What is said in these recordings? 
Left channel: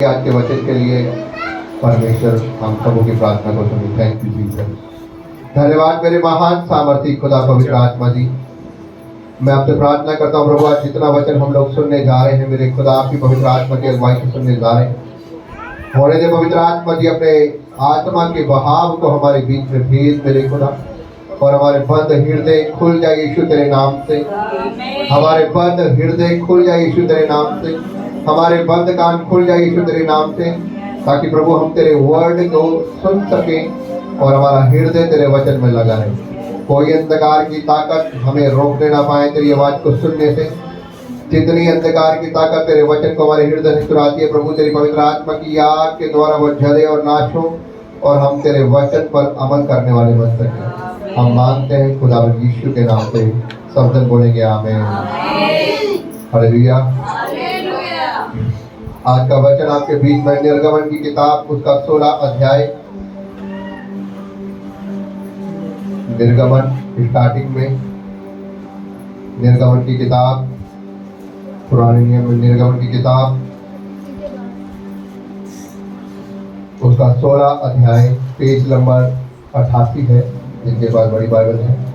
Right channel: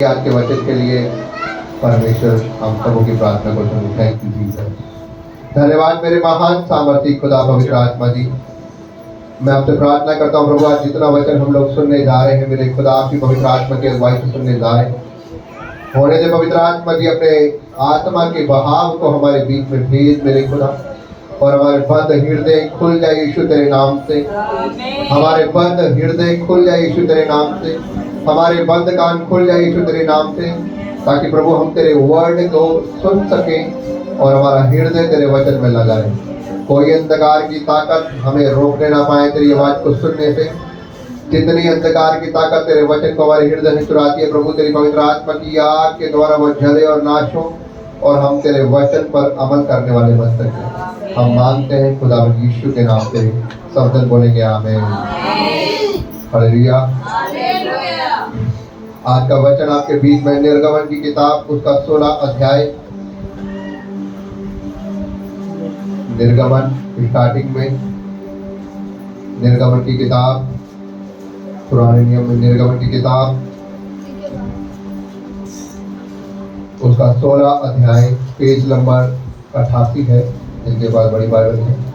आज के वचन के लिए परमेश्वर हम सबों की प्रार्थना को सुनो। Thank you Jesus. धन्यवाद मेरे महान सामर्थी खुदा पवित्र आत्मा जी। मैं आपसे प्रार्थना करता हूँ प्रभु, आज जितना वचन हम लोग सुनने जा रहे हैं मेरे खुदा आपकी पवित्र आत्मा की अगुवाई से सुनने जा रहे हैं। होने दे पवित्र आत्मा जी, अपने आत्मा के बहाव को हमारे बीच में भेज मेरे खुदा, और हमारे बंद हृदय खुल जाए यीशु तेरे नाम से। हमारे बंद हृदय खुल जाए यीशु तेरे नाम से। हमारे बंद कान खुल जाए यीशु तेरे नाम से, ताकि प्रभु हम तेरे वर्ड को सुन सकें और हमारा हृदय तेरे वचन में लगा रहे। कोई अंधकार की ताकत हमें रोकने ना पाए तेरी आवाज को सुनने से। जितनी अंधकार की ताकत तेरे वचन को हमारे हृदय में चुराती है प्रभु, तेरी पवित्र आत्मा की आग के द्वारा वो जले और नाश हो, और हम तेरे वचन पर अमल करने वाले बन सकें। हम मांगते हैं खुदा यीशु के नाम से, सब जन बोलेंगे आमीन। हालेलुया। आज का वचन आपके बीच में निर्गमन की किताब उसका 16 अध्याय। निर्गमन स्टार्टिंग में निर्गमन की किताब, पुराने नियम में निर्गमन की किताब उसका 16 अध्याय, पेज नंबर 88 है जिनके पास बड़ी बाइबल है।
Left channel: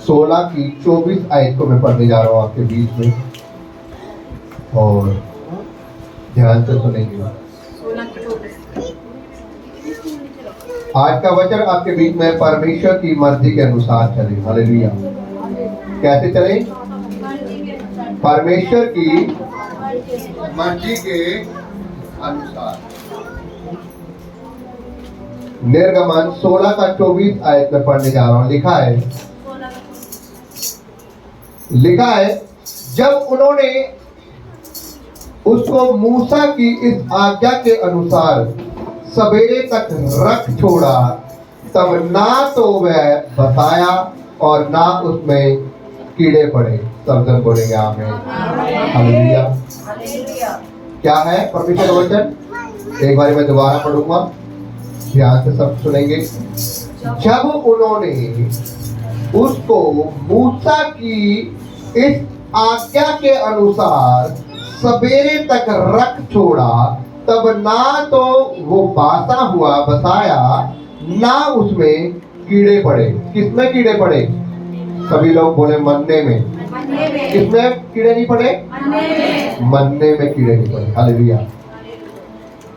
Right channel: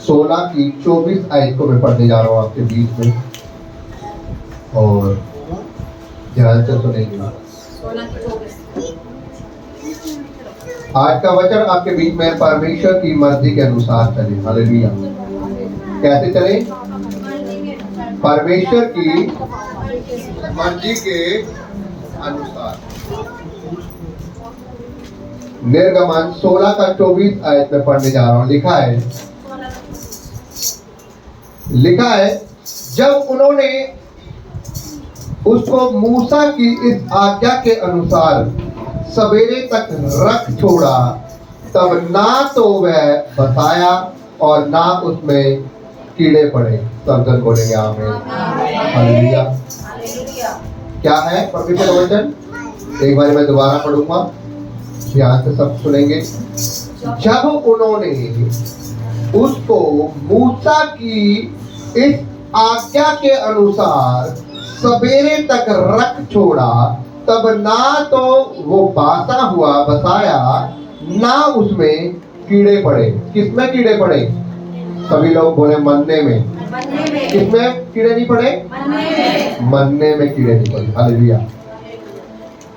सोलह की 24 आयत को मैं पढ़ने जा रहा हूँ आपके बीच में, और ध्यान से सुनेंगे। आज का वचन आपके बीच में परमेश्वर की मर्जी के अनुसार चले। हालेलुया। कैसे चले? परमेश्वर की मर्जी के अनुसार। निर्गमन 16 का 24 आयत में पढ़ने जा रहा हूँ। लिखा है, जब उन्होंने उसको मूसा की इस आज्ञा के अनुसार सवेरे तक रख छोड़ा, तब ना तो वह बसाया और ना उसमें कीड़े पड़े। सब जन बोलेंगे आमीन। हालेलुया। क्या है परमेश्वर का वचन? एक बार मैं दोबारा पढ़ूंगा, ध्यान से सब सुनेंगे। जब उन्होंने उसको मूसा की इस आज्ञा के अनुसार सवेरे तक रख छोड़ा, तब ना तो वो बासा हुआ बसाया, ना उसमें कीड़े पड़े। किसमें कीड़े पड़े? सभी लोग बोले मन्ने में। किसमें कीड़े नहीं पड़े? मन्ने में कीड़े नहीं पड़े। हालेलुया।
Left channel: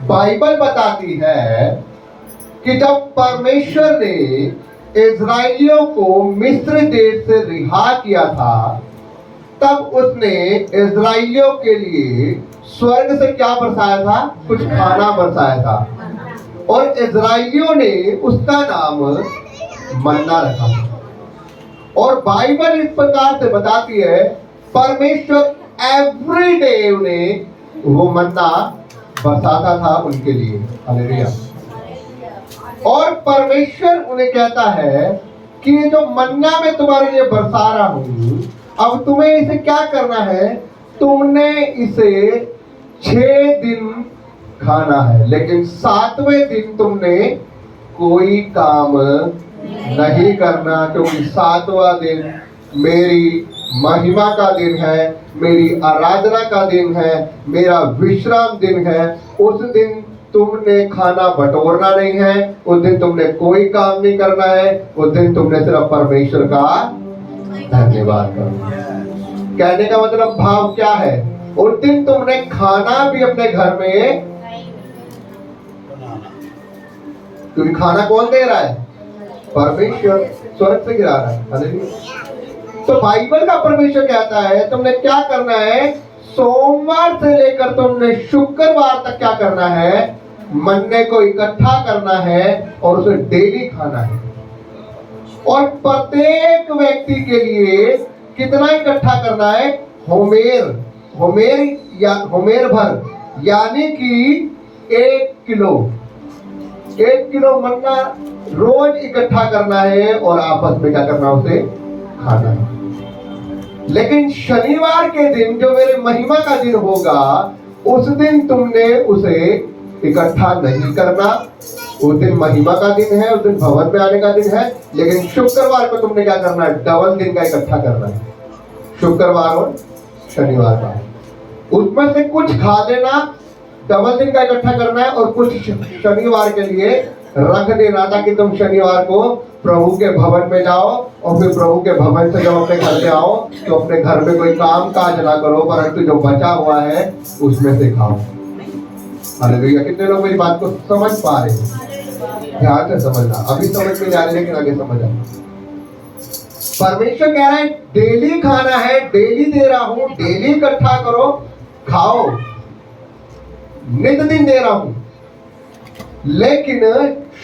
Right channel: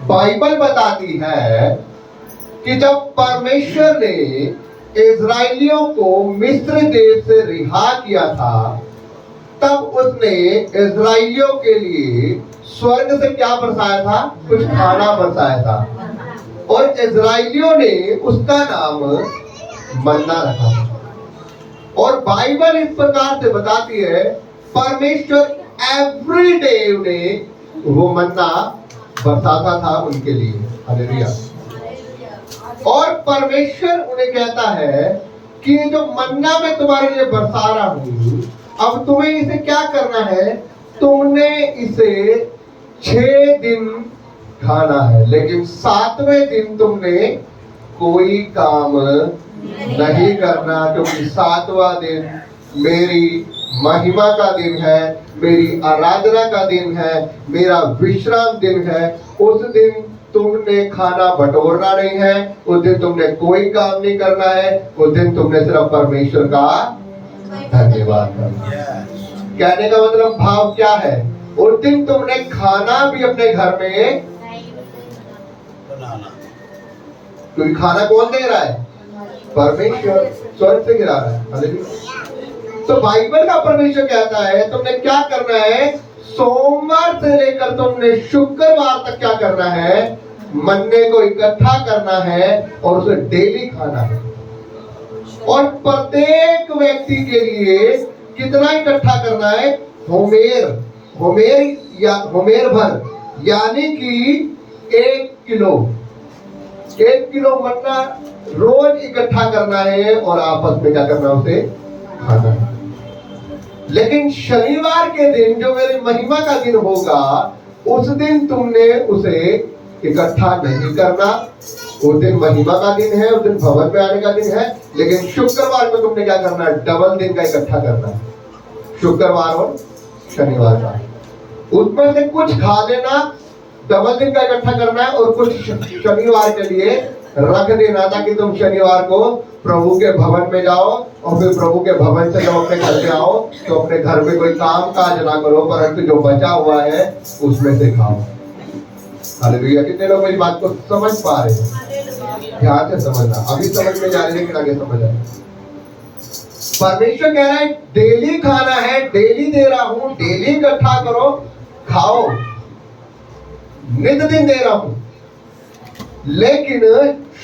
बाइबल बताती है कि जब परमेश्वर ने इजराइलियों को मिस्र देश से रिहा किया था, तब उसने इजराइलियों के लिए स्वर्ग से क्या बरसाया था? कुछ खाना बरसाया था, और इजराइलियों ने उसका नाम मन्ना रखा। और बाइबल इस प्रकार से बताती है, परमेश्वर एवरी डे उन्हें वो मन्ना बरसाता था उनके लिए। हालेलुया। और परमेश्वर उन्हें कहता है कि जो मन्ना में तुम्हारे लिए बरसा रहा हूं, अब तुम्हें इसे क्या करना है? तुमने इसे 6 दिन खाना है, लेकिन 7वें दिन तुमने कोई काम नहीं करना, क्योंकि 7वां दिन मेरी महिमा का दिन है, मेरी आराधना का दिन है, मेरा विश्राम दिन है। उस दिन तुमने खाना बटोरना नहीं है, उस दिन तुमने कोई काम नहीं करना है, उस दिन तुमने सिर्फ परमेश्वर का धन्यवाद करना। कहने का मतलब भाव क्या है? उस दिन तुमने खाना भी अपने घर में बनाना, क्योंकि खाना कौन दे रहा है? परमेश्वर स्वर्ग से गिरा रहा है। हालेलुया। तो बाइबल का परमेश्वर कहता है तुमने क्या करना है? सोमवार से लेकर तुमने शुक्रवार तक क्या करना है? मन्ने को इकट्ठा करना है और उसे डेली खाना है। और प्रत्येक व्यक्ति के लिए कितना इकट्ठा करना है? होमेर भर, यानी कि 1 किलो। 1 किलो मन्ना रोज इकट्ठा करना है और आपस में क्या करना? उसे खाना है। लेकिन शनिवार के दिन जो मेरी महिमा का दिन होगा, उस दिन तुमने उसे इकट्ठा नहीं करना। उस दिन महिमा का दिन है, उस दिन भवन में आने का दिन है, लेकिन शुक्रवार को तुमने क्या करना है? डबल दिन का इकट्ठा करना है, शुक्रवार और शनिवार का। उसमें से कुछ खा लेना, डबल दिन का इकट्ठा करना है, और कुछ शनिवार के लिए रख देना, ताकि तुम शनिवार को प्रभु के भवन में जाओ, और फिर प्रभु के भवन से जब अपने घर पे आओ तो अपने घर में कोई काम काज ना करो, परंतु जो बचा हुआ है उसमें से खाओ। हालेलुया। कितने लोग मेरी बात को समझ पा रहे हैं? ध्यान से समझना, अभी समझ में जा रहे लेकिन आगे समझ आए। परमेश्वर कह रहा है डेली खाना है, डेली दे रहा हूं, डेली इकट्ठा करो, खाओ, नित दिन दे रहा हूं, लेकिन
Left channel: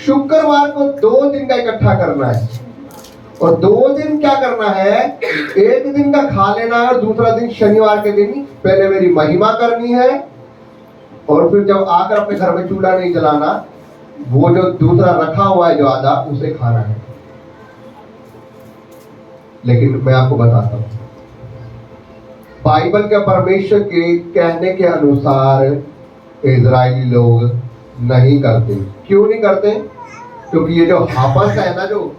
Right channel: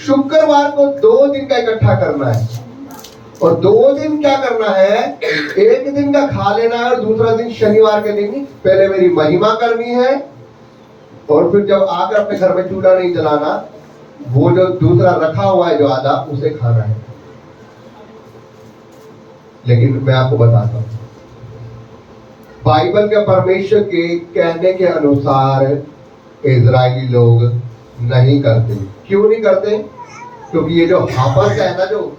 शुक्रवार को 2 दिन का इकट्ठा करना है। और 2 दिन क्या करना है? एक दिन का खा लेना है, और दूसरा दिन शनिवार के दिन पहले मेरी महिमा करनी है, और फिर जब आकर अपने घर में चूल्हा नहीं जलाना, वो जो दूसरा रखा हुआ है जो आधा, उसे खाना है। लेकिन मैं आपको बताता हूं, बाइबल के परमेश्वर के कहने के अनुसार इजरायली लोग नहीं करते। क्यों नहीं करते? क्योंकि ये जो हापस है ना, जो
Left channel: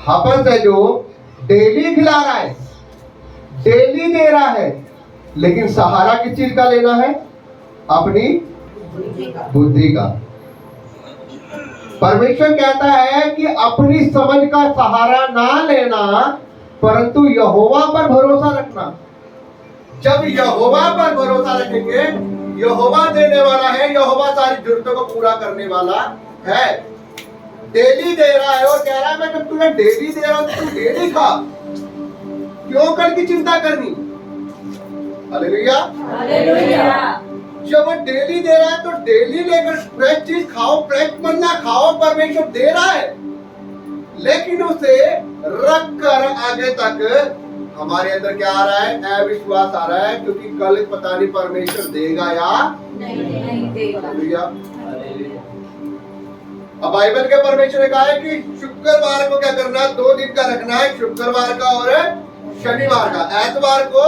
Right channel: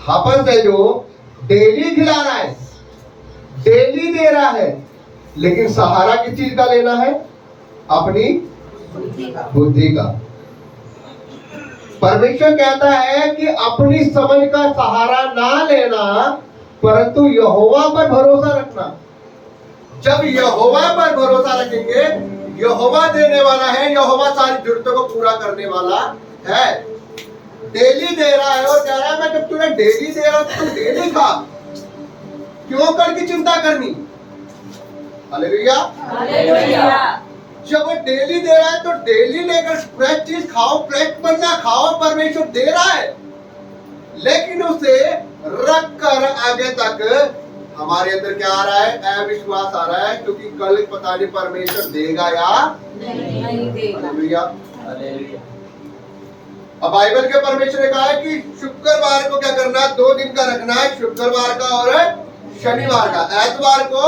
हापस है, जो डेली खिला रहा है, डेली दे रहा है, लेकिन सहारा किस चीज का लेना है? अपनी बुद्धि का। परमेश्वर कहता है कि अपनी समझ का सहारा ना लेना, परंतु यहोवा पर भरोसा रखना। जब यहोवा पर भरोसा रखेंगे, यहोवा देने वाला है, यहोवा सारी जरूरतों को पूरा करने वाला है। डेली दे रहा है और कह रहा है मैं जब तुम्हें डेली दे रहा हूं तो तुम डेली खा, क्यों कल की चिंता करनी? Hallelujah, hallelujah. जब वो डेली दे रहा है तो डेली लेकर फ्रेश चीज खाओ, फ्रेश बनना खाओ, परमेश्वर दे रहा है, लेकिन उसे रख कर आगे तक हमारे अंदर क्या आ रहा है? अविश्वास आ रहा है, क्योंकि कल पता नहीं परमेश्वर देगा या नहीं देगा। अब बाइबल के परमेश्वर ने कहा है कि शुक्रवार को क्या करना है? 2 दिन का रखना है, शुक्रवार का और शनिवार का। एतवार को,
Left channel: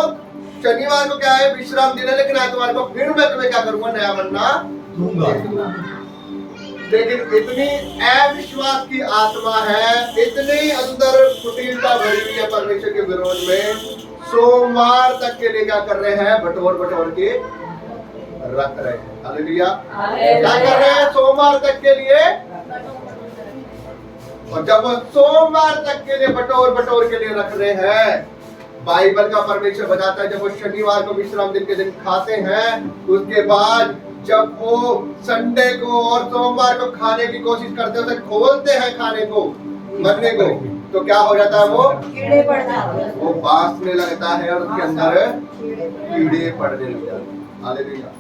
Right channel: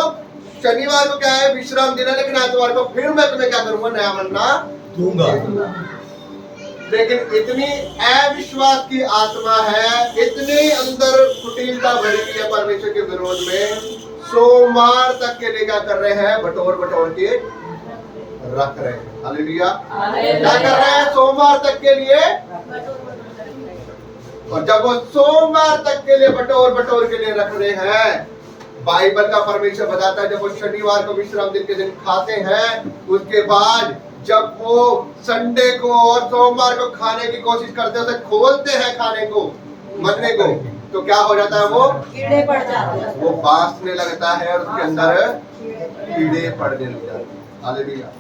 शनिवार को क्या है? विश्राम दिन है, लेकिन एतवार को फिर मैं तुम्हें क्या करूंगा? नया मन्ना दूंगा। लेकिन इतनी अविश्वास की आत्मा है, इतनी अंदर कुटिलता भरी हुई है परमेश्वर के विरोध में, सोमवार तक के लिए क्या कर रहे हैं? बटोर बटोर के रख रहे हैं। हालेलुया। क्या कर रहे हैं? सोमवार तक के लिए। और जब वो सोमवार तक के लिए बटोर बटोर के लिए रख रहे हैं, बाइबल का परमेश्वर बताता है जब वो शनिवार को विश्राम दिन के दिन खाते हैं, उसके बाद जब वो संडे को और सोमवार को खाने की कोशिश करते हैं, उसे खोलते हैं खाने को, मरने को, तो क्या हो जाता है? वो कीड़े पड़ जाते हैं, वो बांसने लगता है और उसके अंदर कीड़े पड़ने लग जाते हैं। हालेलुया।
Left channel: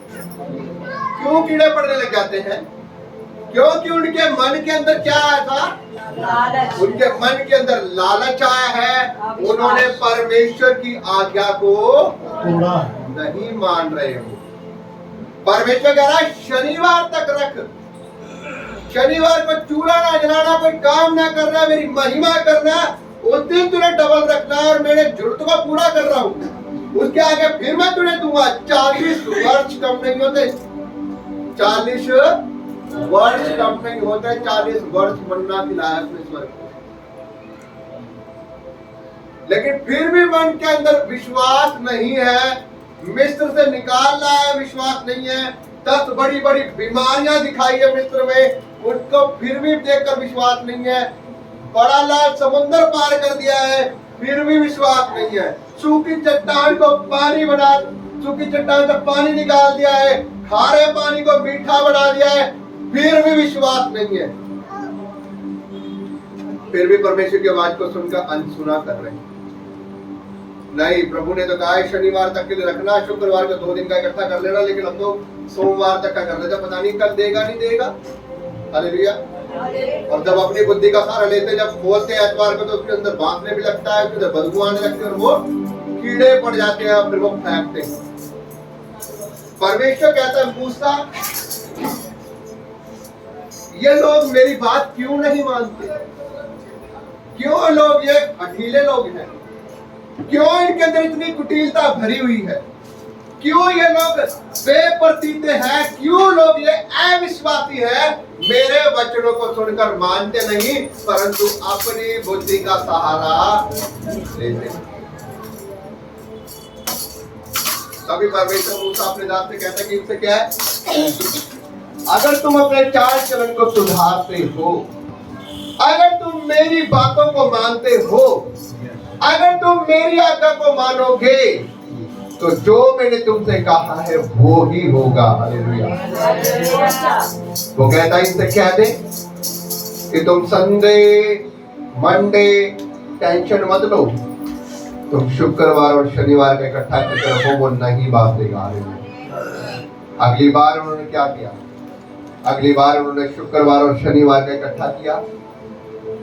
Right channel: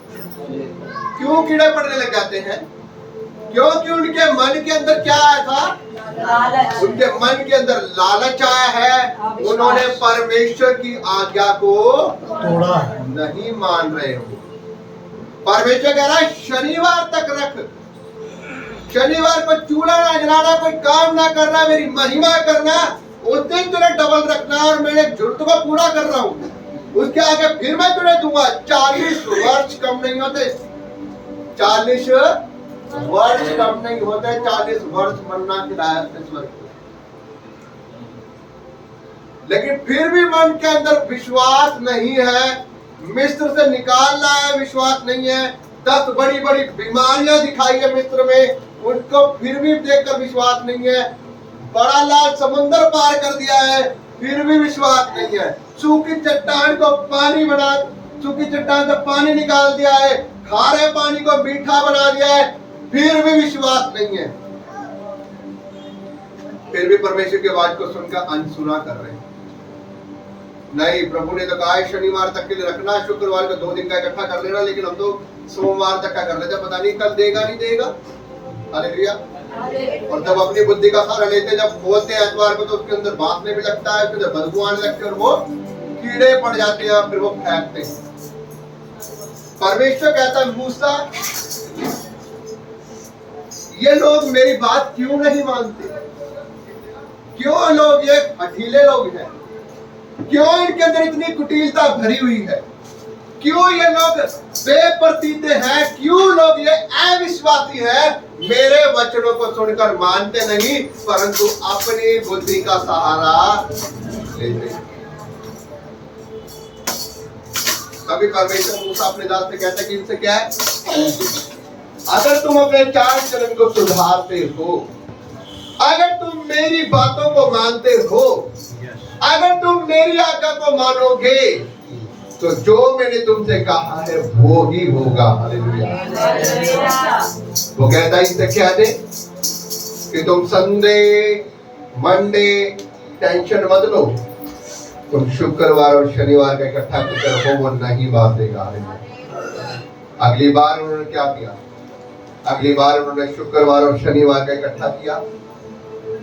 क्यों कीड़े पड़ने लग जाते हैं? क्योंकि उनके मन के अंदर क्या आया था? उनके मन के अंदर लालच आया है, उन्होंने परमेश्वर की आज्ञा को नहीं मान रहे हो। परमेश्वर कह रहा है शनिवार तक रख, शनिवार को चूल्हा ना जलाना, कोई काम ना करना, मेरी महिमा करना, उस दिन तुझे डबल रखना, और मैंने जरूरतों को पूरा कर रहा हूँ, उसके आगे फिर मैं तुझे दूंगा। 40 वर्ष कम नहीं होते, 40 वर्ष कम नहीं होते, 40 वर्ष मन्ना खिलाया अपने स्वर्ग को। लेकिन फिर भी मन के अंदर विश्वास नहीं है, मिस्र से निकाल रहा है, विश्वास नहीं है। 10 बड़ी बड़ी बीमारियां दिखाई है मिस्र में, उनको फिर भी देखकर विश्वास नहीं है। बड़ा लाल समुद्र पार कर दिया है, फिर भी विश्वास नहीं है। सूखी चट्टान को पानी बना, सूखी चट्टान से पानी निकाल दिया है, खारे पानी को मीठा बना दिया है, फिर भी विश्वास नहीं है। फिर भी परमेश्वर की आवाज को सुनकर अनसुना कर रहे हैं। नहीं, प्रभु ने तो कहा है शनिवार तक के लिए रखना, शुक्रवार को 2 दिन का इकट्ठा कर लेना, लेकिन हम तो सोमवार तक का कर लेते, पता नहीं कल देगा नहीं देगा। हालेलुया। और जब अपनी बुद्धि का सहारा लेते, जब खोलते हैं एतवार को, तो उसके अंदर बांसने भी लगता है, उसके अंदर बदबू आने लगती है, और वो कीड़े पड़ जाते हैं, फिर वो फेंकते हैं। परमेश्वर कहता है मूसा, ये लोग मेरी बात क्यों नहीं मानते? क्यों लोग ये हठीले लोग हैं? क्यों इनके अंदर इतनी कुटिलता भरी हुई है? क्यों ये लोग बेप्रतीते हैं, क्यों लोग ये अविश्वासी हैं, मेरे वचनों को सुनकर मानते नहीं परंतु अपनी बुद्धि का सहारा लेते हैं। तभी परमेश्वर मूसा अपने दास से कहता है कि इनसे क्या है, अगर तुम अपने चाल चलन को सुधारते हो, अगर तुम मेरी बातों को मानते हो, अगर तुम मेरी आज्ञा को मानोगे तो जो मैंने तुमसे कहा है वो ही होगा। हालेलुया। वो कहता है इनसे कह दे कि तुम संडे मंडे टेंशन मत लो, तुम शुक्रवार और शनिवार का इकट्ठा करके हो वो नहीं बांटेगा। अगली बार उन्होंने क्या किया, अगली बार उन्होंने शुक्रवार और शनिवार का इकट्ठा किया।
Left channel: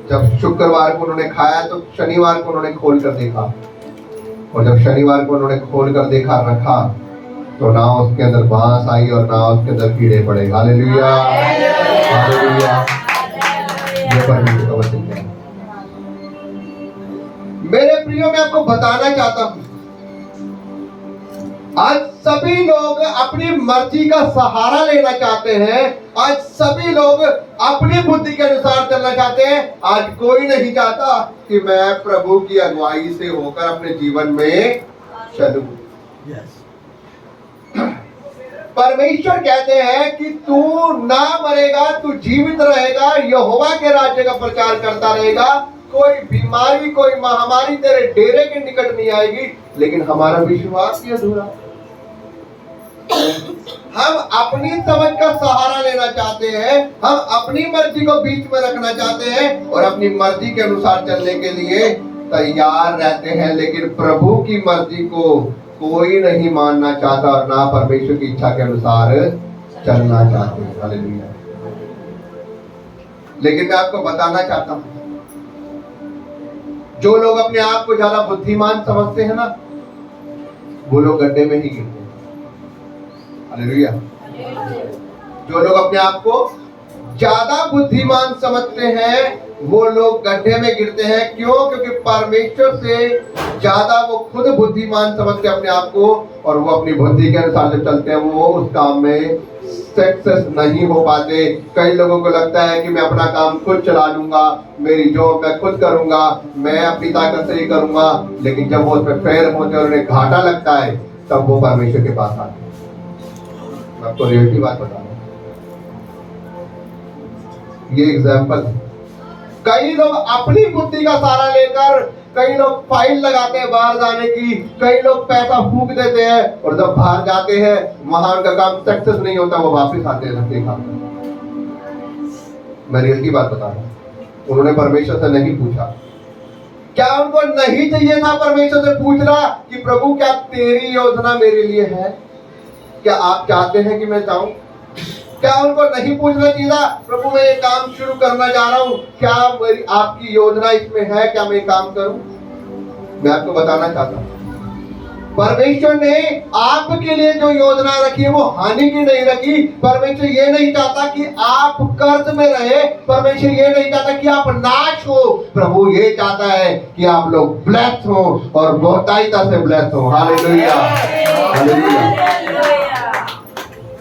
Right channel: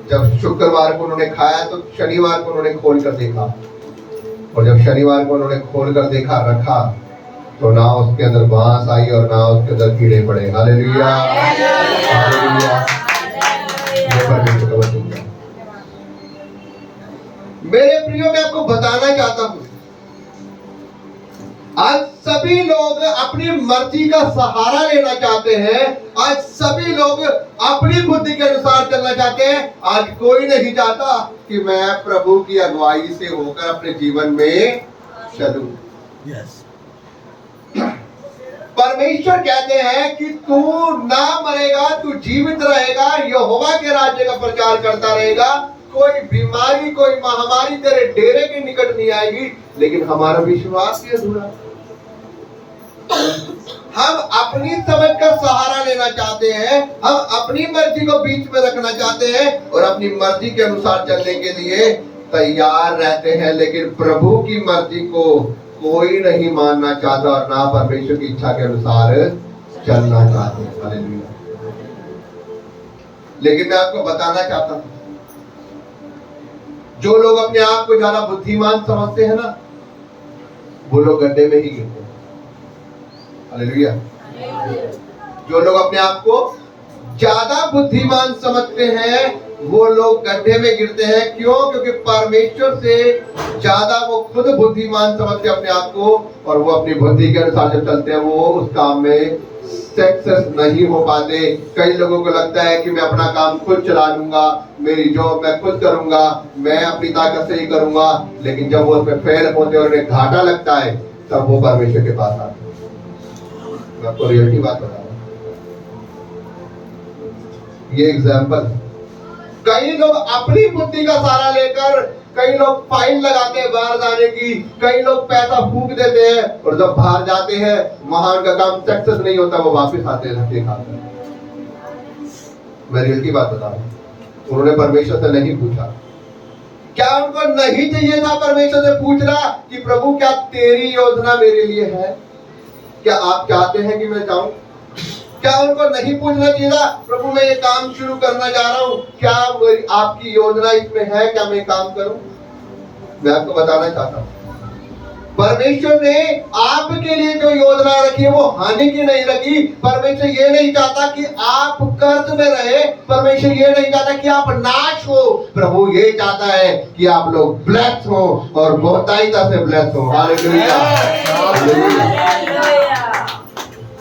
जब शुक्रवार को उन्होंने खाया तो शनिवार को उन्होंने खोल कर देखा, और जब शनिवार को उन्होंने खोल कर देखा रखा तो ना उसके अंदर बांस आई और ना उसके अंदर कीड़े पड़े। Hallelujah, hallelujah. ये परमेश्वर का वचन है। मेरे प्रियो, मैं आपको बताना चाहता हूं, आज सभी लोग अपनी मर्जी का सहारा लेना चाहते हैं, आज सभी लोग अपनी बुद्धि के अनुसार चलना चाहते हैं। आज कोई नहीं चाहता कि मैं प्रभु की अगुवाई से होकर अपने जीवन में चलूं। परमेश्वर कहते हैं कि तू ना मरेगा, तू जीवित रहेगा, यहोवा के राज्य का प्रचार करता रहेगा। कोई बीमारी, कोई महामारी तेरे डेरे के निकट नहीं आएगी, लेकिन हमारा विश्वास भी अधूरा। हम अपनी समझ का सहारा लेना चाहते हैं, हम अपनी मर्जी को बीच में रखना चाहते हैं और अपनी मर्जी के अनुसार चलने के लिए तैयार रहते हैं, लेकिन प्रभु की मर्जी को कोई नहीं मानना चाहता और ना परमेश्वर की इच्छा के अनुसार चलना चाहते। हालेलुया। लेकिन मैं आपको बताना चाहता हूं, जो लोग अपने आप को ज्यादा बुद्धिमान समझते हैं ना, वो लोग गड्ढे में ही गिरते हैं। हालेलुया। जो लोग अपने आप को ज्यादा बुद्धिमान समझते हैं वो लोग गड्ढे में गिरते हैं। क्यों? क्योंकि परमेश्वर से ज्यादा वो खुद बुद्धिमान समझते हैं अपने आप को, और वो अपनी बुद्धि के अनुसार जब चलते हैं वो उस काम में सक्सेस नहीं हो पाते। कई लोगों को लगता है कि मैं अपना काम खुद चला लूंगा, मेरी जॉब मैं खुद करूंगा, मैं अपनी ताकत से ही करूंगा, लेकिन जब वो उसमें फेल होते हैं और उन्हें घाटा लगता है तब वो परमेश्वर के पास आते हैं। मैं आपको रियलिटी बात बता रहा हूं, ये एग्जाम्पल। कई लोग अपनी बुद्धि का सहारा लेकर, कई लोग फाइल लगाते हैं बाहर जाने की, कई लोग पैसा फूंक देते हैं और जब बाहर जाते हैं वहां उनका काम सक्सेस नहीं होता, वो वापस आते हैं धक्के खाकर। मैं रियलिटी बात बता रहा हूं। उन्होंने परमेश्वर से नहीं पूछा। क्या उनको नहीं चाहिए था परमेश्वर से पूछना कि प्रभु क्या तेरी योजना मेरे लिए है? क्या आप चाहते हैं कि मैं जाऊं? क्या उनको नहीं पूछना चाहिए था, प्रभु मैं ये काम शुरू करना जा रहा हूं, क्या आपकी योजना इसमें है, क्या मैं काम करूं? मैं आपको बताना चाहता हूं, परमेश्वर ने आपके लिए जो योजना रखी है वो हानि की नहीं रखी। परमेश्वर ये नहीं चाहता कि आप कर्ज में रहे, परमेश्वर ये नहीं चाहता कि आप नाश हो। प्रभु ये चाहता है कि आप लोग ब्लेस्ड हो और बहुतायता से ब्लेस्ड हो। Hallelujah, hallelujah.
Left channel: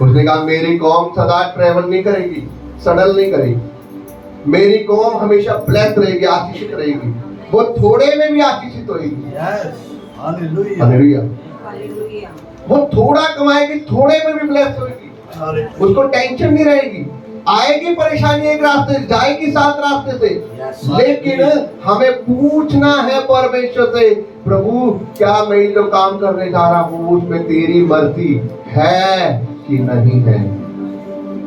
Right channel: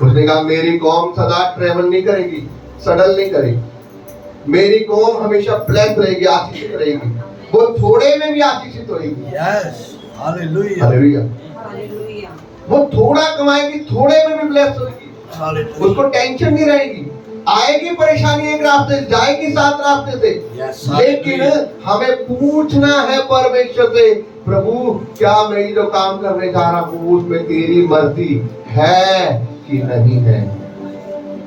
उसने कहा मेरी कौम सदा ट्रेवल नहीं करेगी, सडल नहीं करेगी, मेरी कौम हमेशा ब्लेस्ड रहेगी, आशीषित रहेगी, वो थोड़े में भी आशीषित होगी। Hallelujah, hallelujah. वो थोड़ा कमाएगी, थोड़े में भी ब्लेस्ड होगी, उसको टेंशन नहीं रहेगी। आएगी परेशानी एक रास्ते, जाएगी 7 रास्ते से, लेकिन हमें पूछना है परमेश्वर से, प्रभु क्या मैं जो काम करने जा रहा हूँ उसमें तेरी मर्जी है कि नहीं है?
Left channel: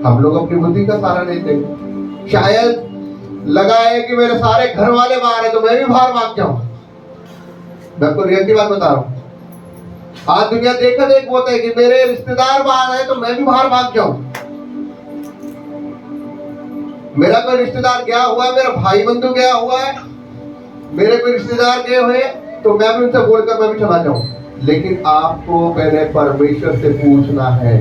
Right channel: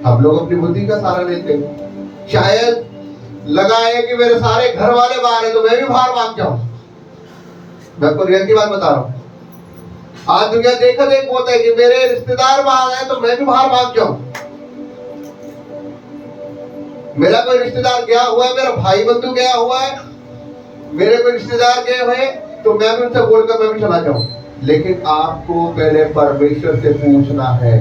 हम लोग अपनी बुद्धि का सहारा लेते हैं। शायद लगा है कि मेरे सारे घर वाले बाहर है तो मैं भी बाहर भाग जाऊं। मैं आपको रियल की बात बता रहा हूं। आज दुनिया देखा देख होता है कि मेरे रिश्तेदार बाहर है तो मैं भी बाहर भाग जाऊं। मेरा कोई रिश्तेदार गया हुआ है, मेरा भाई बंधु गया हुआ है, मेरे कोई रिश्तेदार गए हुए तो मैं भी उनसे बोलकर मैं भी चला जाऊं। लेकिन आपको पहले परमेश्वर से पूछना है,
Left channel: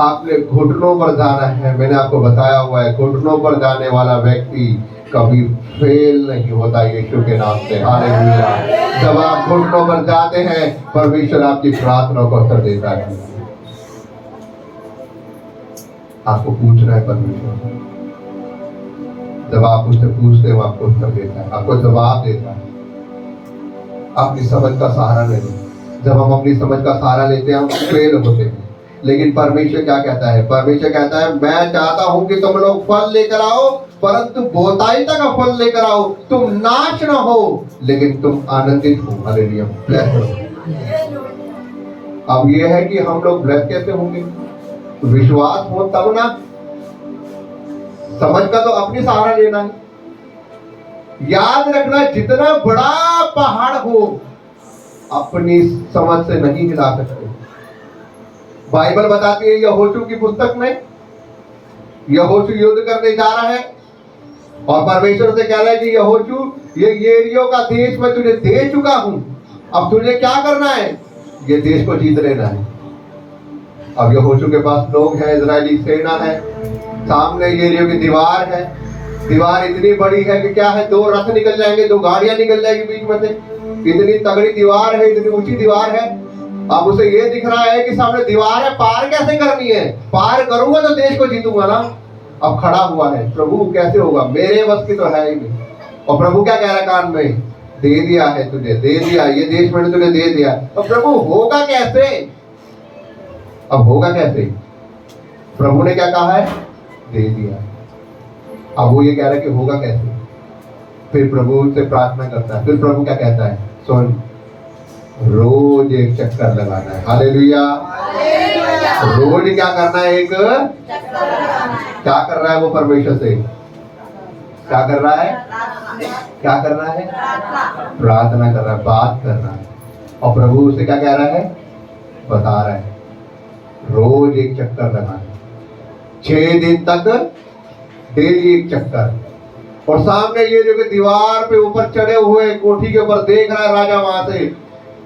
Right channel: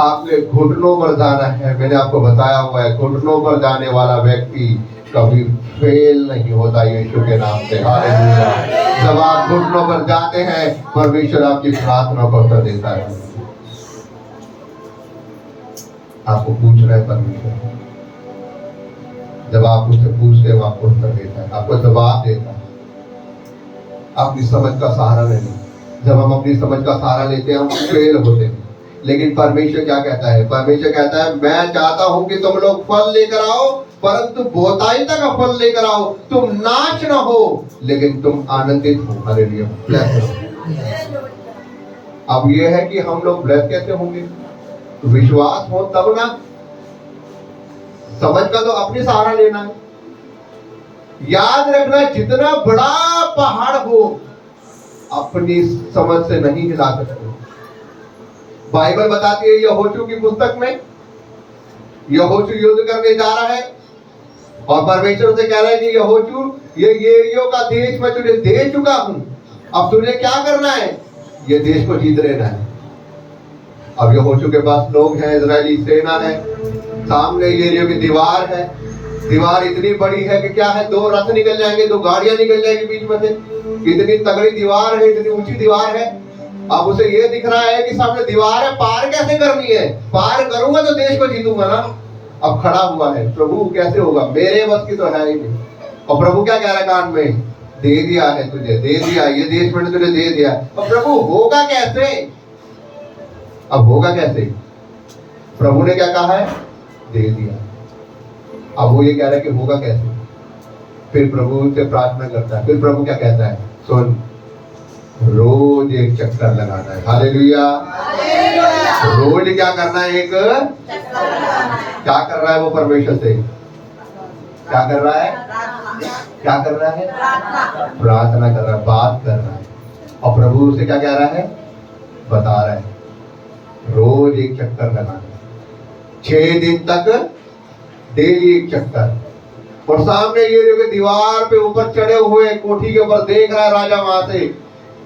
आपने घुटनों पर जाना है। मैंने आपको बताया हुआ है, घुटनों पर जाने वाला व्यक्ति कभी फेल नहीं होता यीशु के नाम से। हालेलुया। जब आप घुटनों पर जाते हैं परमेश्वर आपकी प्रार्थना को उत्तर देता है। आपको पूछ रहा है परमेश्वर, जब आप उससे पूछते हो आपको उत्तर देता है, आपको जवाब देता है। अपनी समझ का सहारा ले लो। जब हम अपनी समझ का सहारा लेते हैं हम फेल होते हैं, लेकिन परमेश्वर क्या कहता है? परमेश्वर कहता है मैं चाहता हूं कि तुम लोग फल लेकर आओ, परंतु बहुतायता का फल लेकर आओ। तुम नाश ना हो लेकिन तुम आनंदित हो। हालेलुया। अब ये है कि हम लोग ब्लेस कैसे होंगे? विश्वास हो तब ना। समझ का तो अपनी सहारा लेना है। याद रखना, जितना बड़ा पहाड़ हो अपनी समझ से नहीं हिला सकते। बाइबल बताती है यहोशू की पुस्तक में, यहोशू युद्ध करने जा रहा है और परमेश्वर से कह रहा है कि यहोशू ये यरीहो का देश मैं तुझे दे चुका हूं, अब तुझे क्या करना है? ये देश को जीत लेना है। अब यहोशू के पास लोग हैं, इजरायली सेना है, सामने यरीहो की दीवार है। दीवार इतनी बड़ी है कि क्या है, 2 रथ निकल जाएंगे, 2 गाड़ियां निकल जाएंगी बीच में से। इतनी तगड़ी दीवार है, इतनी ऊंची दीवार है। अब उसे ये दिख रहा है कि सामने दीवार है, पार कैसे करनी है? पार करूंगा तो देश को जीतूंगा ना। अब खड़ा हुआ है, प्रभु कैसे होगा? मेरे बस की तो है ही नहीं। और प्रभु क्या कह रहा है कान में? दे दिया है तुझे, दे दिया, ये देश मैंने तुझे दे दिया। अब प्रभु होगा कैसे? अब होगा कैसे? प्रभु ने क्या कहा है? दे दिया। अब वो ये कह रहा है कि होगा कैसे? फिर प्रभु से प्रार्थना करता है। फिर प्रभु क्या कहता है? सुन, रोज एक चक्कर लगाना है। हालेलुया। रोज क्या करना है? एक क्या कर रहा है वो परमेश्वर से? क्या कर रहा है? क्या कर रहा है? प्रार्थना कर रहा है, बात कर रहा है। और प्रभु उसे क्या कह रहा है? बता रहा है रोज एक चक्कर लगाना, 6 दिन तक डेली एक चक्कर। और सामने ये जो दीवार पे ऊपर चढ़े हुए कोठी के ऊपर देख रहा है राजा वहां से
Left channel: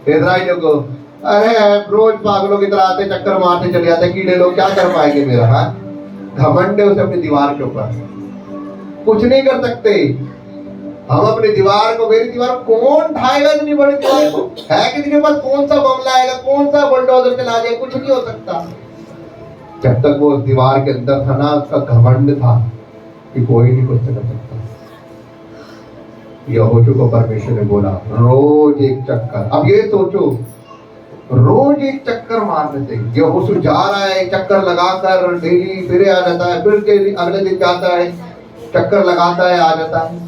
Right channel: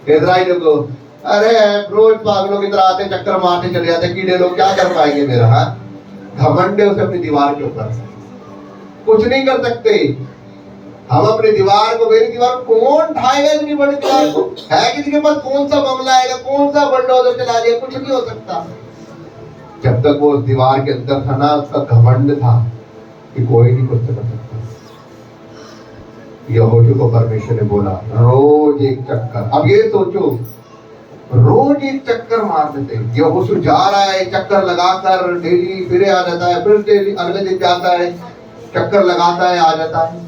इजराइलियों को। अरे रोज पागलों की तरह आते चक्कर मारते चले जाते, कीड़े लोग क्या कर पाएंगे मेरा? हाँ, घमंड है उसे अपनी दीवार के ऊपर, कुछ नहीं कर सकते। हम अपनी दीवार को, मेरी दीवार कौन ढाएगा? इतनी बड़ी दीवार को है किसी के पास? कौन सा बमला आएगा? कौन सा बुलडोजर चला दिया? कुछ नहीं हो सकता। जब तक वो दीवार के अंदर था ना, उसका घमंड था कि कोई नहीं कुछ कर सकता। यहोशू को परमेश्वर ने बोला रोज एक चक्कर। अब ये सोचो, रोज एक चक्कर मार देते। यहोशू जा रहा है, चक्कर लगाकर डेली फिर आ जाता है, फिर डेली अगले दिन जाता है, चक्कर लगाता है, आ जाता है।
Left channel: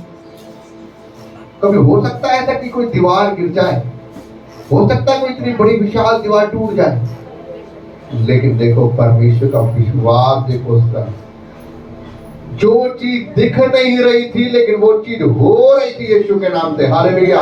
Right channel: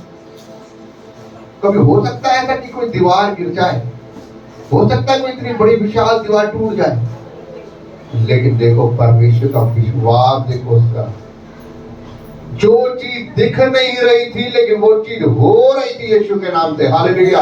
कभी हो सकता है ऐसा कि कोई दीवार गिर जाए? हो सकता है कोई इतनी बड़ी विशाल दीवार टूट जाए? लेकिन देखो परमेश्वर का विश्वास, देखो उसका, जो चीज दिख नहीं रही थी लेकिन वो चीज हो रही थी यीशु के नाम से। हालेलुया।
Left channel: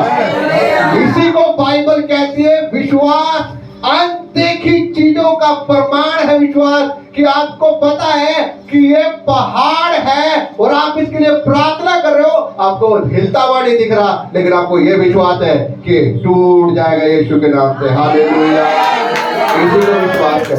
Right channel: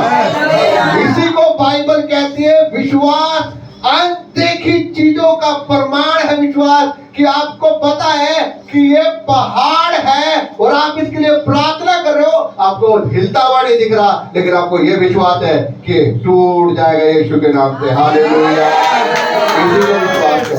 इसी को बाइबल कहती है विश्वास अनदेखी चीजों का प्रमाण है। विश्वास कि आपको पता है कि ये पहाड़ है और आप इसके लिए प्रार्थना कर रहे हो, आपको हिलता हुआ नहीं दिख रहा, लेकिन आपको ये विश्वास है कि टूट जाएगा यीशु के नाम से। हालेलुया। इसी को विश्वास है।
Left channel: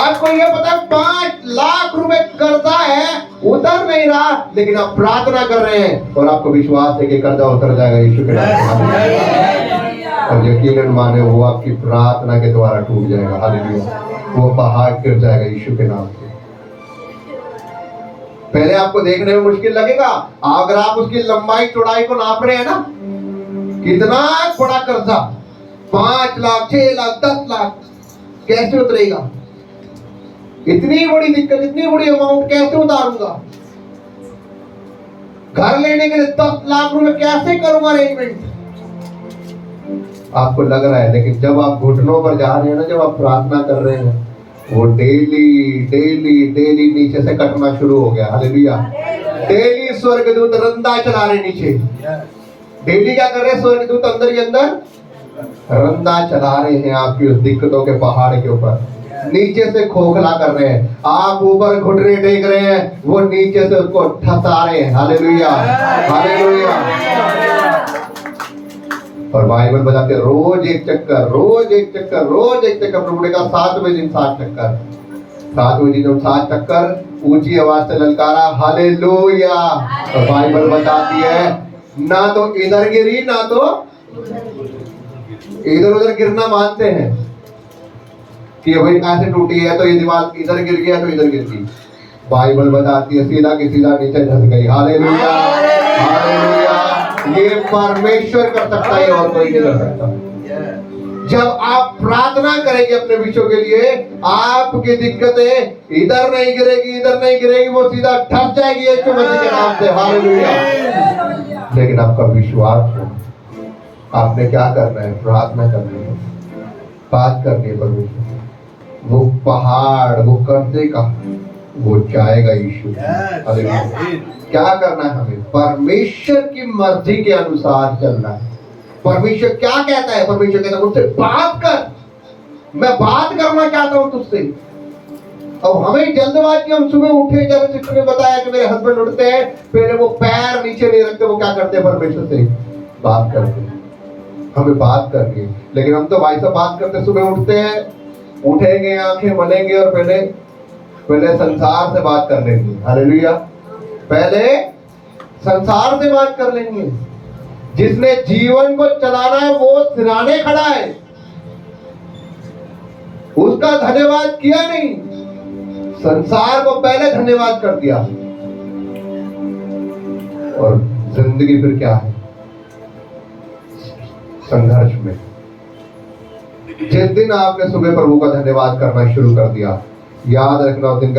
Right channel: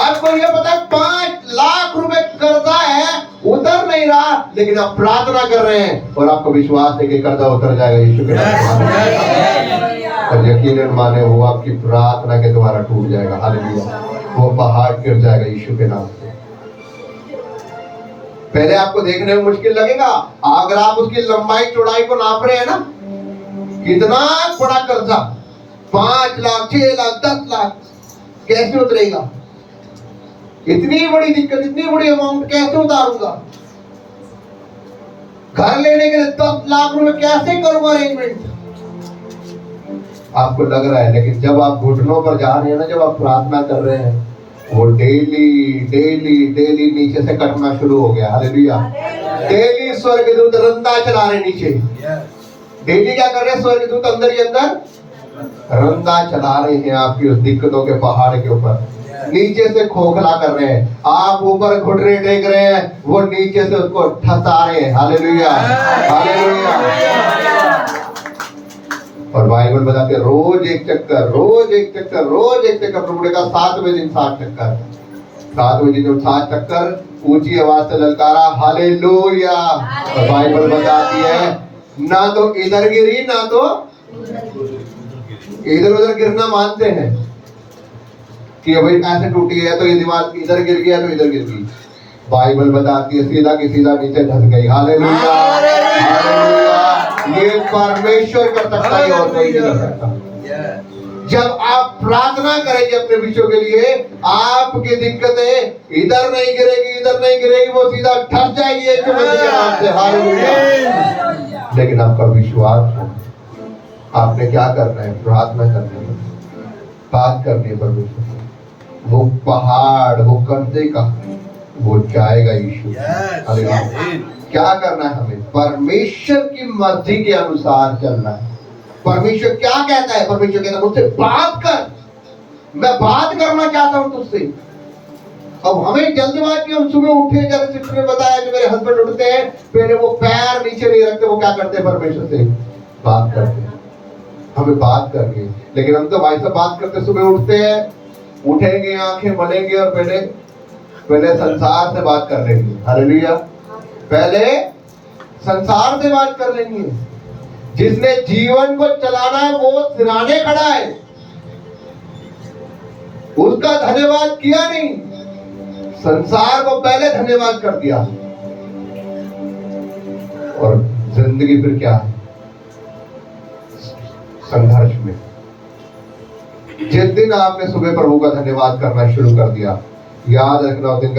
आपको ये पता है 5 लाख रुपए कर्जा है, उतर नहीं रहा, लेकिन आप प्रार्थना कर रहे हैं और आपको विश्वास है कि कर्जा उतर जाएगा यीशु के नाम से। और यकीनन माने वो आपकी प्रार्थना के द्वारा टूट जाएगा। हालेलुया। वो पहाड़ गिर जाएगा यीशु के नाम से। पहले आपको देखने में मुश्किल लगेगा, अगर आप उसकी लंबाई चौड़ाई को नाप रहे हैं ना, कितना बड़ा कर्जा, 5 लाख, 6 लाख, 10 लाख, कैसे उतरेगा? इतनी बड़ी दिक्कत, इतनी बड़ी अमाउंट कैसे उतारूंगा? घर लेने के लिए 10 लाख रुपए कैसे करूंगा अरेंजमेंट? आपको लग रहा है, लेकिन जब आप घुटनों पर जा रहे हैं ना, जब आप प्रार्थना कर रहे हैं, वो डेली डेली डेली नीचे से कटना शुरू हो गया। हालेलुया। डेली स्वर्गदूत रंदा चला रहे नीचे। डेली क्या कर रहे हैं? स्वर्गदूत अंदर ही अंदर रंदा चला रहे हैं आपकी उस दिक्कतों के पहाड़ के ऊपर। नीचे से खोखला कर रहे हैं, आप ऊपर घुटने टेक रहे हैं, वो नीचे से उसको ठसा रहे हैं। हालेलुया। हालेलुया। और बाइबल बताते हैं रोज एक चक्कर, रोज एक चक्कर, रोज एक चक्कर। प्रभु ने कहा 7वें दिन 7 चक्कर। 7वें दिन 7 चक्कर ऊंची आवाज से ललकारा हालेलुया। तो बाइबल बताती है ना तो इधर गिरी ना तो इधर उधर गिरना मानते हैं कि भाई ऐसे टूटी है तो ये दीवार इधर गिर गया तो इधर गिर गई। बाइबल बताती है सीधा की सीधा नीचे धस गई। Hallelujah hallelujah. ये परमेश्वर कर सकता है और कोई नहीं कर सकता। जब आप प्रार्थना करेंगे अपने विषयों के लिए, आपकी दिक्कतें इधर नहीं गिरेगी इधर नहीं गिरेगी, वो सीधा ठस जाएगी यीशु मसीह के नाम से। हालेलुया। लेकिन आपका विश्वास हो, आपने क्या करना है? प्रार्थना करनी है, बात करनी है परमेश्वर। वो पहाड़ वो कर्जे का वो जाएगा यीशु। हालेलुया। क्या करना है हमें? परमेश्वर की मर्जी के अनुसार चलना है। परमेश्वर क्या कहता है? परमेश्वर कहता है मुझसे बात कर, मैं बात करना चाहता हूं तुझसे। अब हमें जल्दबाजी, हम सुबह उठे, जैसे सिस्टर ने बताया कि मेरे हस्बैंड उठते हैं पहले वो पैर नीचे नहीं रखते, वो क्या करते हैं? परमेश्वर से बात करते हैं। हमें बात करनी है, लेकिन हम तो भाई साहब बात करते, सुबह उठते हैं, उठेंगे, आंखें मलेंगे और पहले संसार से बात कर लेंगे। हालेलुया। पहले संसार से बात कर लेंगे। जिसने जीवन को चलाना है वो सिराने खड़ा है, उसका धन्यवाद किया नहीं, संसार को पहले धन्यवाद कर दिया। और जिंदगी फिर क्या है? संघर्ष में। जिस दिन आपने सुबह प्रभु का धन्यवाद करना शुरू कर दिया, याद रखना उस दिन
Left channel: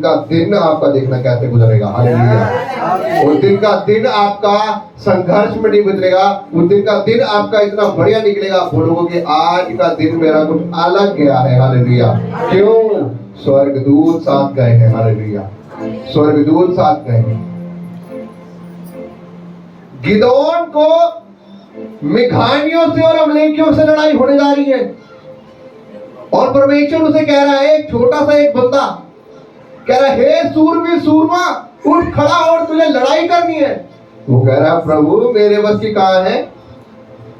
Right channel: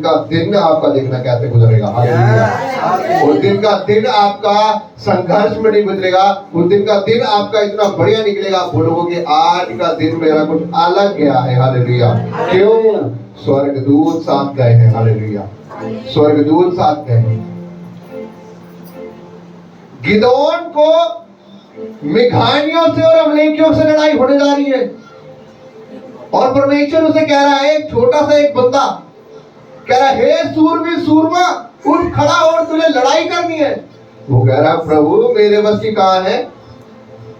का दिन आपका देखना कैसे गुजरेगा। हालेलुया। उस दिन का दिन आपका संघर्ष में नहीं गुजरेगा, उस दिन का दिन आपका इतना बढ़िया निकलेगा, आप बोलोगे आज का दिन मेरा कुछ अलग गया है। हालेलुया। क्यों? स्वर्गदूत साथ गए हैं। हालेलुया। स्वर्गदूत साथ गए हैं। गिदोन को मिघानियों से और अमलेकियों से लड़ाई होने जा रही है, और परमेश्वर उसे कह रहा है, एक छोटा सा एक बंदा कह रहा है, हे सूरवीर सूरमा उठ खड़ा और तुझे लड़ाई करनी है। वो कह रहा प्रभु मेरे बस की कहां है?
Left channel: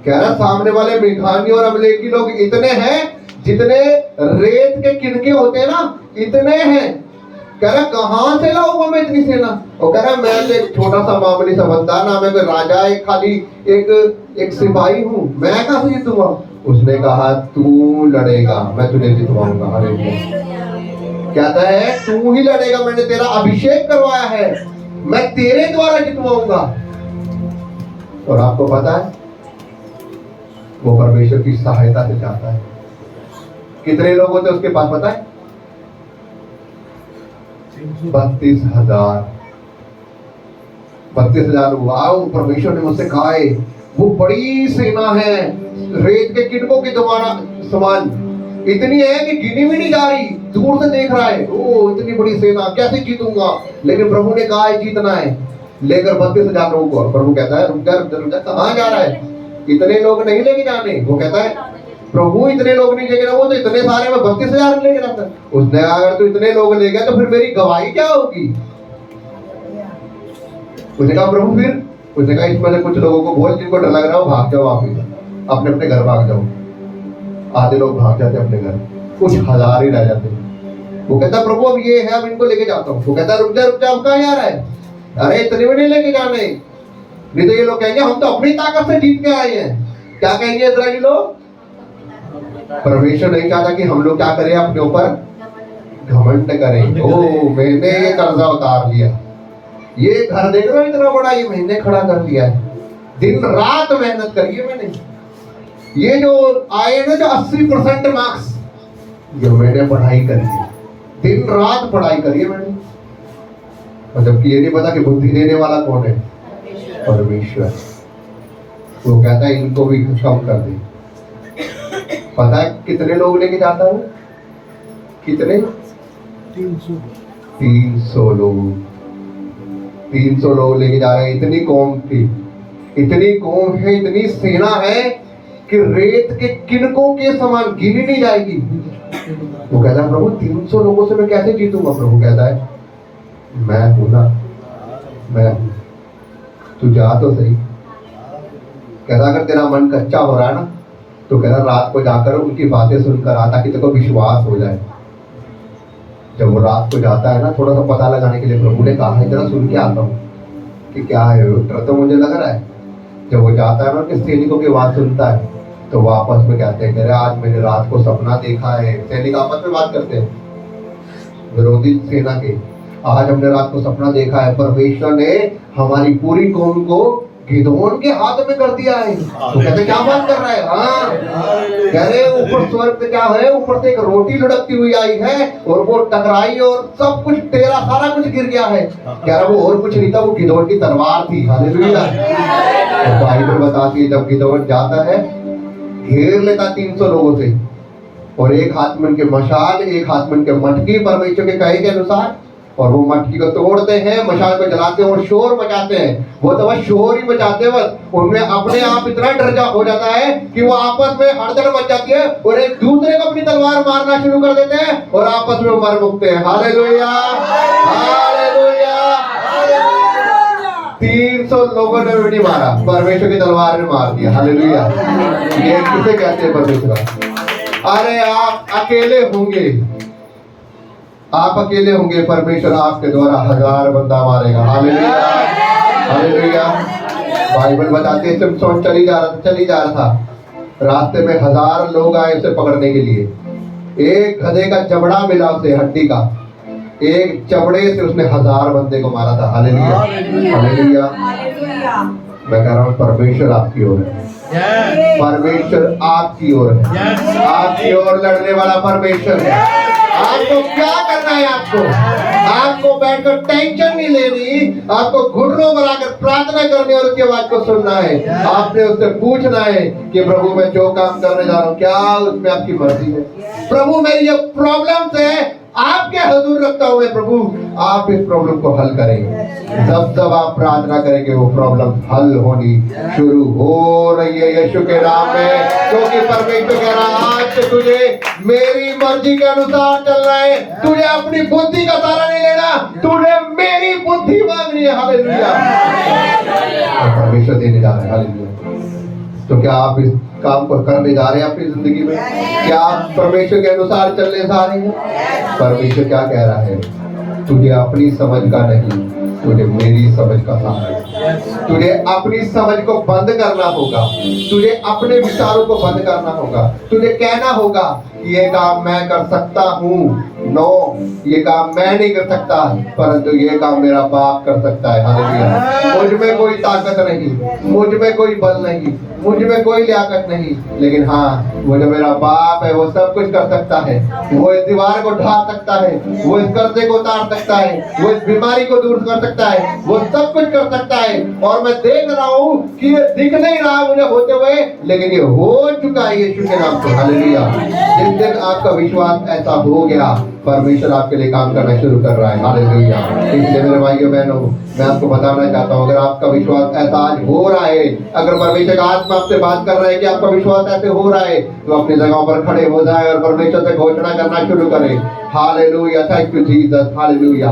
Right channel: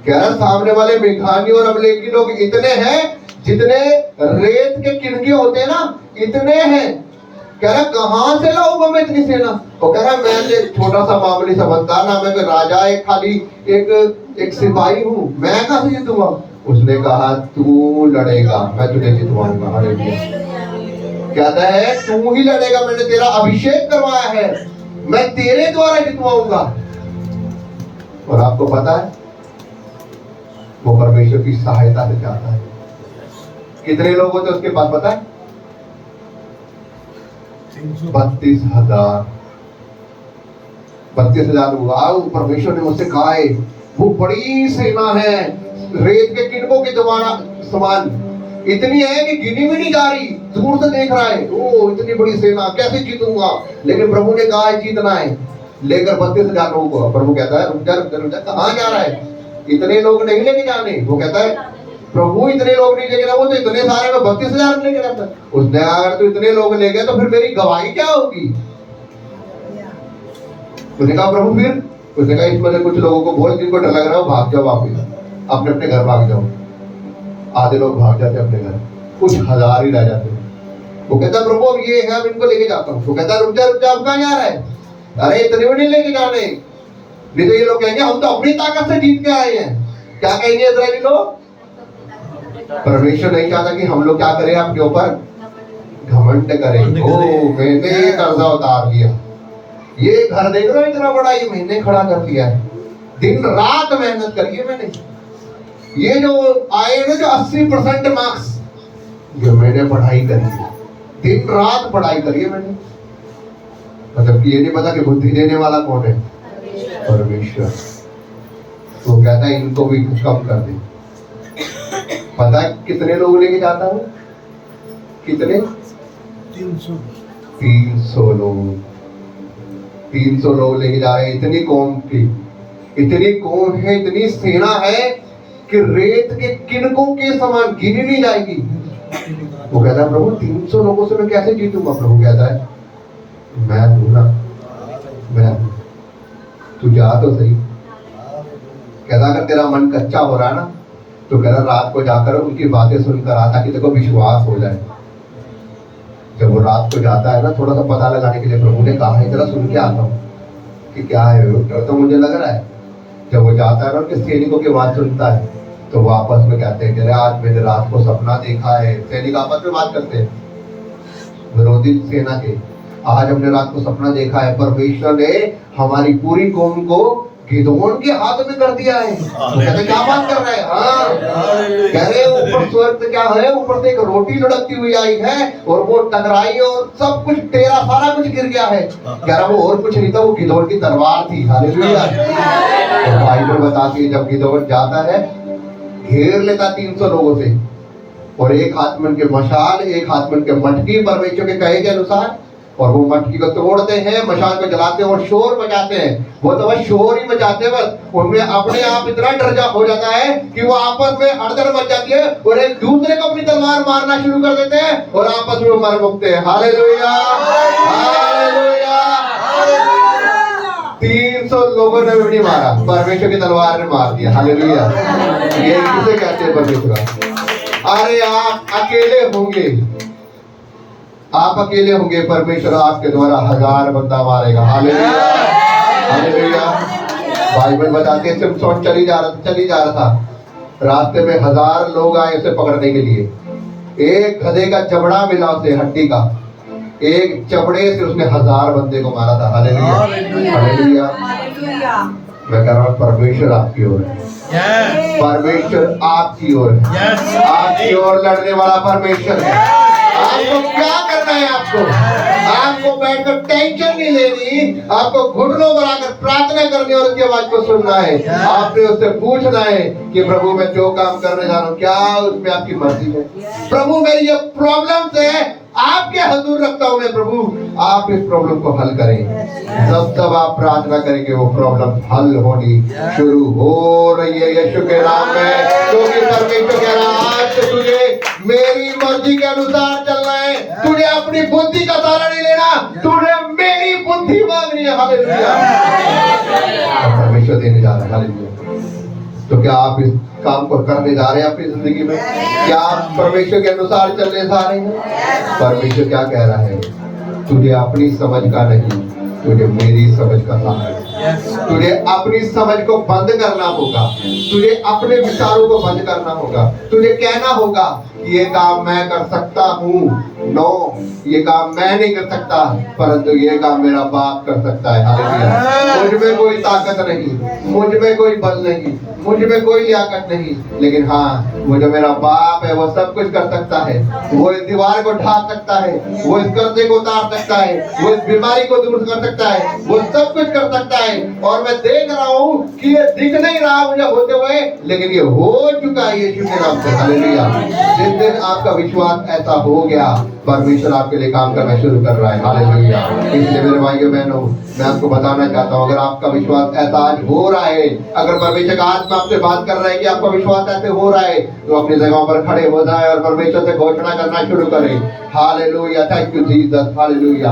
कह रहा सामने वाले मिघानी और अमलेकी लोग इतने हैं जितने रेत के किनके होते हैं ना, इतने हैं। कह रहा कहां से लाऊंगा मैं इतनी सेना? वो कह रहा मैं एक छोटा सा मामूली सा बंदा ना, मैं राजा एक खाली एक सिपाही हूं, मैं कहां से जीतूंगा? उसने कहा तू लड़ेगा, मैं तुझे जितवाऊंगा। हालेलुया। कहता है तू ही लड़ेगा, मैंने तेरा अभिषेक करवाया है, मैं तेरे द्वारा जितवाऊंगा। और आपको पता है वो परमेश्वर की सहायता से चाहता है। कितने लोग होते उसके पास पता है? 32,000। 32,000 हुआ। परमेश्वर ने मुझसे कहा है वो बड़ी सेना है, रेत के किनकों के द्वारा समान, इतनी है कि गिनी भी नहीं जा रही, दूर से देख रहा है, ओ इतनी बड़ी सेना कैसे जीतूंगा? लेकिन प्रभु ने कहा है जीतना है, लेकर 32,000 लोगों को। प्रभु कहता है रुक जा, कहां जा रहा है? इतने लोग नहीं लेके जाने। वो कहता है प्रभु इतने लोग नहीं लेके, वो तो इतने सारे में 32,000 लेके जाता है। उसने अगर तो इतने लोग ले गए तो फिर मेरी गवाही क्या होगी? उसने कहा प्रभु फिर, उसने कहा इसमें से कुछ लोगों को बोल जिनको डर लग रहा हो भाग जाओ, वापिस अपने अपने घर भाग जाओ। आधे लोग भाग जाते अपने घर, कुछ हजार ही रह जाते। वो कहता प्रभु अब ये है, अब इनको लेके जाता हूँ। वो कहता रुक जा अब कहाँ जा रहा है? अरे इतने भी नहीं लेके जाने, नहीं तो ये लोग कहेंगे हम तो अपनी ताकत से जीत के आए हैं। क्या कहेंगे इस्राएली लोग? परमेश्वर नहीं चाहता कि हम लोग क्या करें, अपने ऊपर घमंड करें। ओ मैंने ये कर्जा उतार लिया, ये घर देख रहे हो इतना बड़ा, ये मैंने खड़ा कर लिया है, दिन रात मेहनत करी है मैंने, ये जो आए ना जो 80% मार्क्स जो मैंने पढ़ाई करी है, दिन रात पढ़ाई करी है मैंने। मतलब कि ये नहीं पता कि बुद्धि देने वाला कौन है? परमेश्वर। वो कहता है इनको भी कम कर दे। पता है कितने लोग लेके जाता है? कितने? 300 लोग। 300 लोग लेके जा रहे हैं। इतनी कौम की, इतनी कौम है, इतनी सेना है कि रेत के किनकों के समान गिनी नहीं जाएगी। वो कहता है प्रभु 300 लोगों से मैं कैसे जीतूंगा? प्रभु कहता है मैं हूं ना, मैं हूं, तू जा तो सही। कहता अगर तेरा मन कच्चा हो रहा है ना तो कहता रात को जाकर उनकी बातें सुनकर आ, ताकि तेरे को विश्वास हो जाए। जब वो रात को जाता है ना, थोड़ा सा पता लगाने के लिए प्रभु ने कहा है जरा सुन के आता हूँ कि क्या है, डर तो मुझे लग रहा है। जब वो जाता है ना, कि सैनिकों की बात सुनता है, तो वो आपस में कहते हैं कि आज मैंने रात को सपना देखा है। सैनिक आपस में बात करते हैं, विरोधी सेना के, आज हमने रात को सपना देखा है, परमेश्वर ने हमारी पूरी कौम को गिदोन के हाथ में कर दिया है। तो कहते क्या बात कर रहे हैं? हाँ, कह रहे ऊपर स्वर्ग से क्या है, ऊपर से एक रोटी लुढ़कती हुई आई है और वो टकराई और सब कुछ तेरा सारा कुछ गिर गया है। कह रहा वो और कुछ नहीं था, वो गिदोन की तलवार थी। हालेलुया। तो बाइबल बताती है जब गिदोन जाता है, घेर लेता 300 लोगों से, और एक हाथ में उनके मशाल, एक हाथ में उनके मटकी, परमेश्वर के कहे के अनुसार, और वो मटकी को तोड़ते हैं, मशाल को जलाते हैं और शोर मचाते हैं। वो तो बस शोर ही मचाते, बस उनमें अपने आप इतना डर जा हो जाता है कि वो आपस में हड़दड़ मच जाती है और एक दूसरे को अपनी तलवार मारना शुरू कर देते हैं और आपस में मर मुकते हैं। Hallelujah, hallelujah. 300 लोगों ने भी नहीं मारा, परमेश्वर की तलवार ने मार दिया। हालेलुया। ये किसे कहते हैं परमेश्वर? अरे आप अकेले होंगे, आप अकेले होंगे, परमेश्वर आपके द्वारा 1000 बंदा मारेगा। Hallelujah, hallelujah. बाइबल बताती है सिमसोन चली जा रहा था, रास्ते में 1000 लोग आए उसे पकड़ने के लिए। एक गधे का जबड़ा मिला उसे, हड्डी का, एक जबड़े से उसने 1000 बंदे को मारा था। Hallelujah, hallelujah. मैं कह रहा हूँ परमेश्वर आपकी ओर है, परमेश्वर आपकी ओर है, आपकी ओर लड़ने वाला परमेश्वर है। आपको क्या करना है? आपको बैठकर टेंशन नहीं लेनी, आपको घुटनों बनाकर प्रार्थना करनी और उसकी आवाज को सुनना है। आपने उससे पूछना है कि प्रभु मैं जो काम करने जा रहा हूँ क्या उसमें आपकी मर्जी है? प्रभु मेरी ये प्रॉब्लम है, आपके हजूर रखता हूँ मैं, प्रभु आप इस प्रॉब्लम को हल करें। जब आप प्रार्थना करेंगे वो प्रॉब्लम हल होनी शुरू हो रही है यीशु के नाम में। क्योंकि परमेश्वर कह रहा आज तो तुझे मेरी मर्जी के अनुसार चलना है, तुझे अपनी बुद्धि का सहारा नहीं लेना, तुझे मेरी बुद्धि मांगनी है। हालेलुया, परमेश्वर देने जा रहा है। हालेलुया। तो क्या आप इस काम को करने जा रहे हैं अपनी जिंदगी में? क्या आप परमेश्वर के अनुसार चलने जा रहे हैं? परमेश्वर क्या कह रहा है? तुझे अपनी समझ का नहीं, तुझे मेरी समझ का सहारा है। तुझे अपनी समझ को बंद करना होगा, तुझे अपने विचारों को बंद करना होगा, तुझे कहना होगा ये काम मैं कर सकता हूँ, नो ये काम मैं नहीं कर सकता, परंतु ये काम मेरा बाप कर सकता है। हालेलुया। मुझ में कोई ताकत नहीं, मुझ में कोई बल नहीं, मुझ में कोई लियाकत नहीं, लेकिन हाँ वो जो मेरा बाप है वो सब कुछ कर सकता है। वो इस दीवार को ढा सकता है, वो इस कर्जे को उतार सकता है, वो इस बीमारी को दूर कर सकता है, वो सब कुछ कर सकता है। और मैं देख रहा हूँ कि ये दिख नहीं रहा मुझे होते हुए, लेकिन ये हो चुका है यीशु के नाम से। हालेलुया। जिस दिन आपका विश्वास ऐसा हो गया, परमेश्वर आपके लिए काम करना शुरू कर रहा है। हालेलुया। इसलिए मेरे भाइयों बहनों, मैं आपको बताना चाहता हूँ, अगर आपका विश्वास ऐसा आज हो रहा है, अगर परमेश्वर आज में आपसे बात कर रहा है कि आपका विश्वास ऐसे हो रहा है, तो अपनी जगहों पर खड़े हो जाए और परमेश्वर से घोषणा करना शुरू करें। Hallelujah, thank you Jesus. Hallelujah.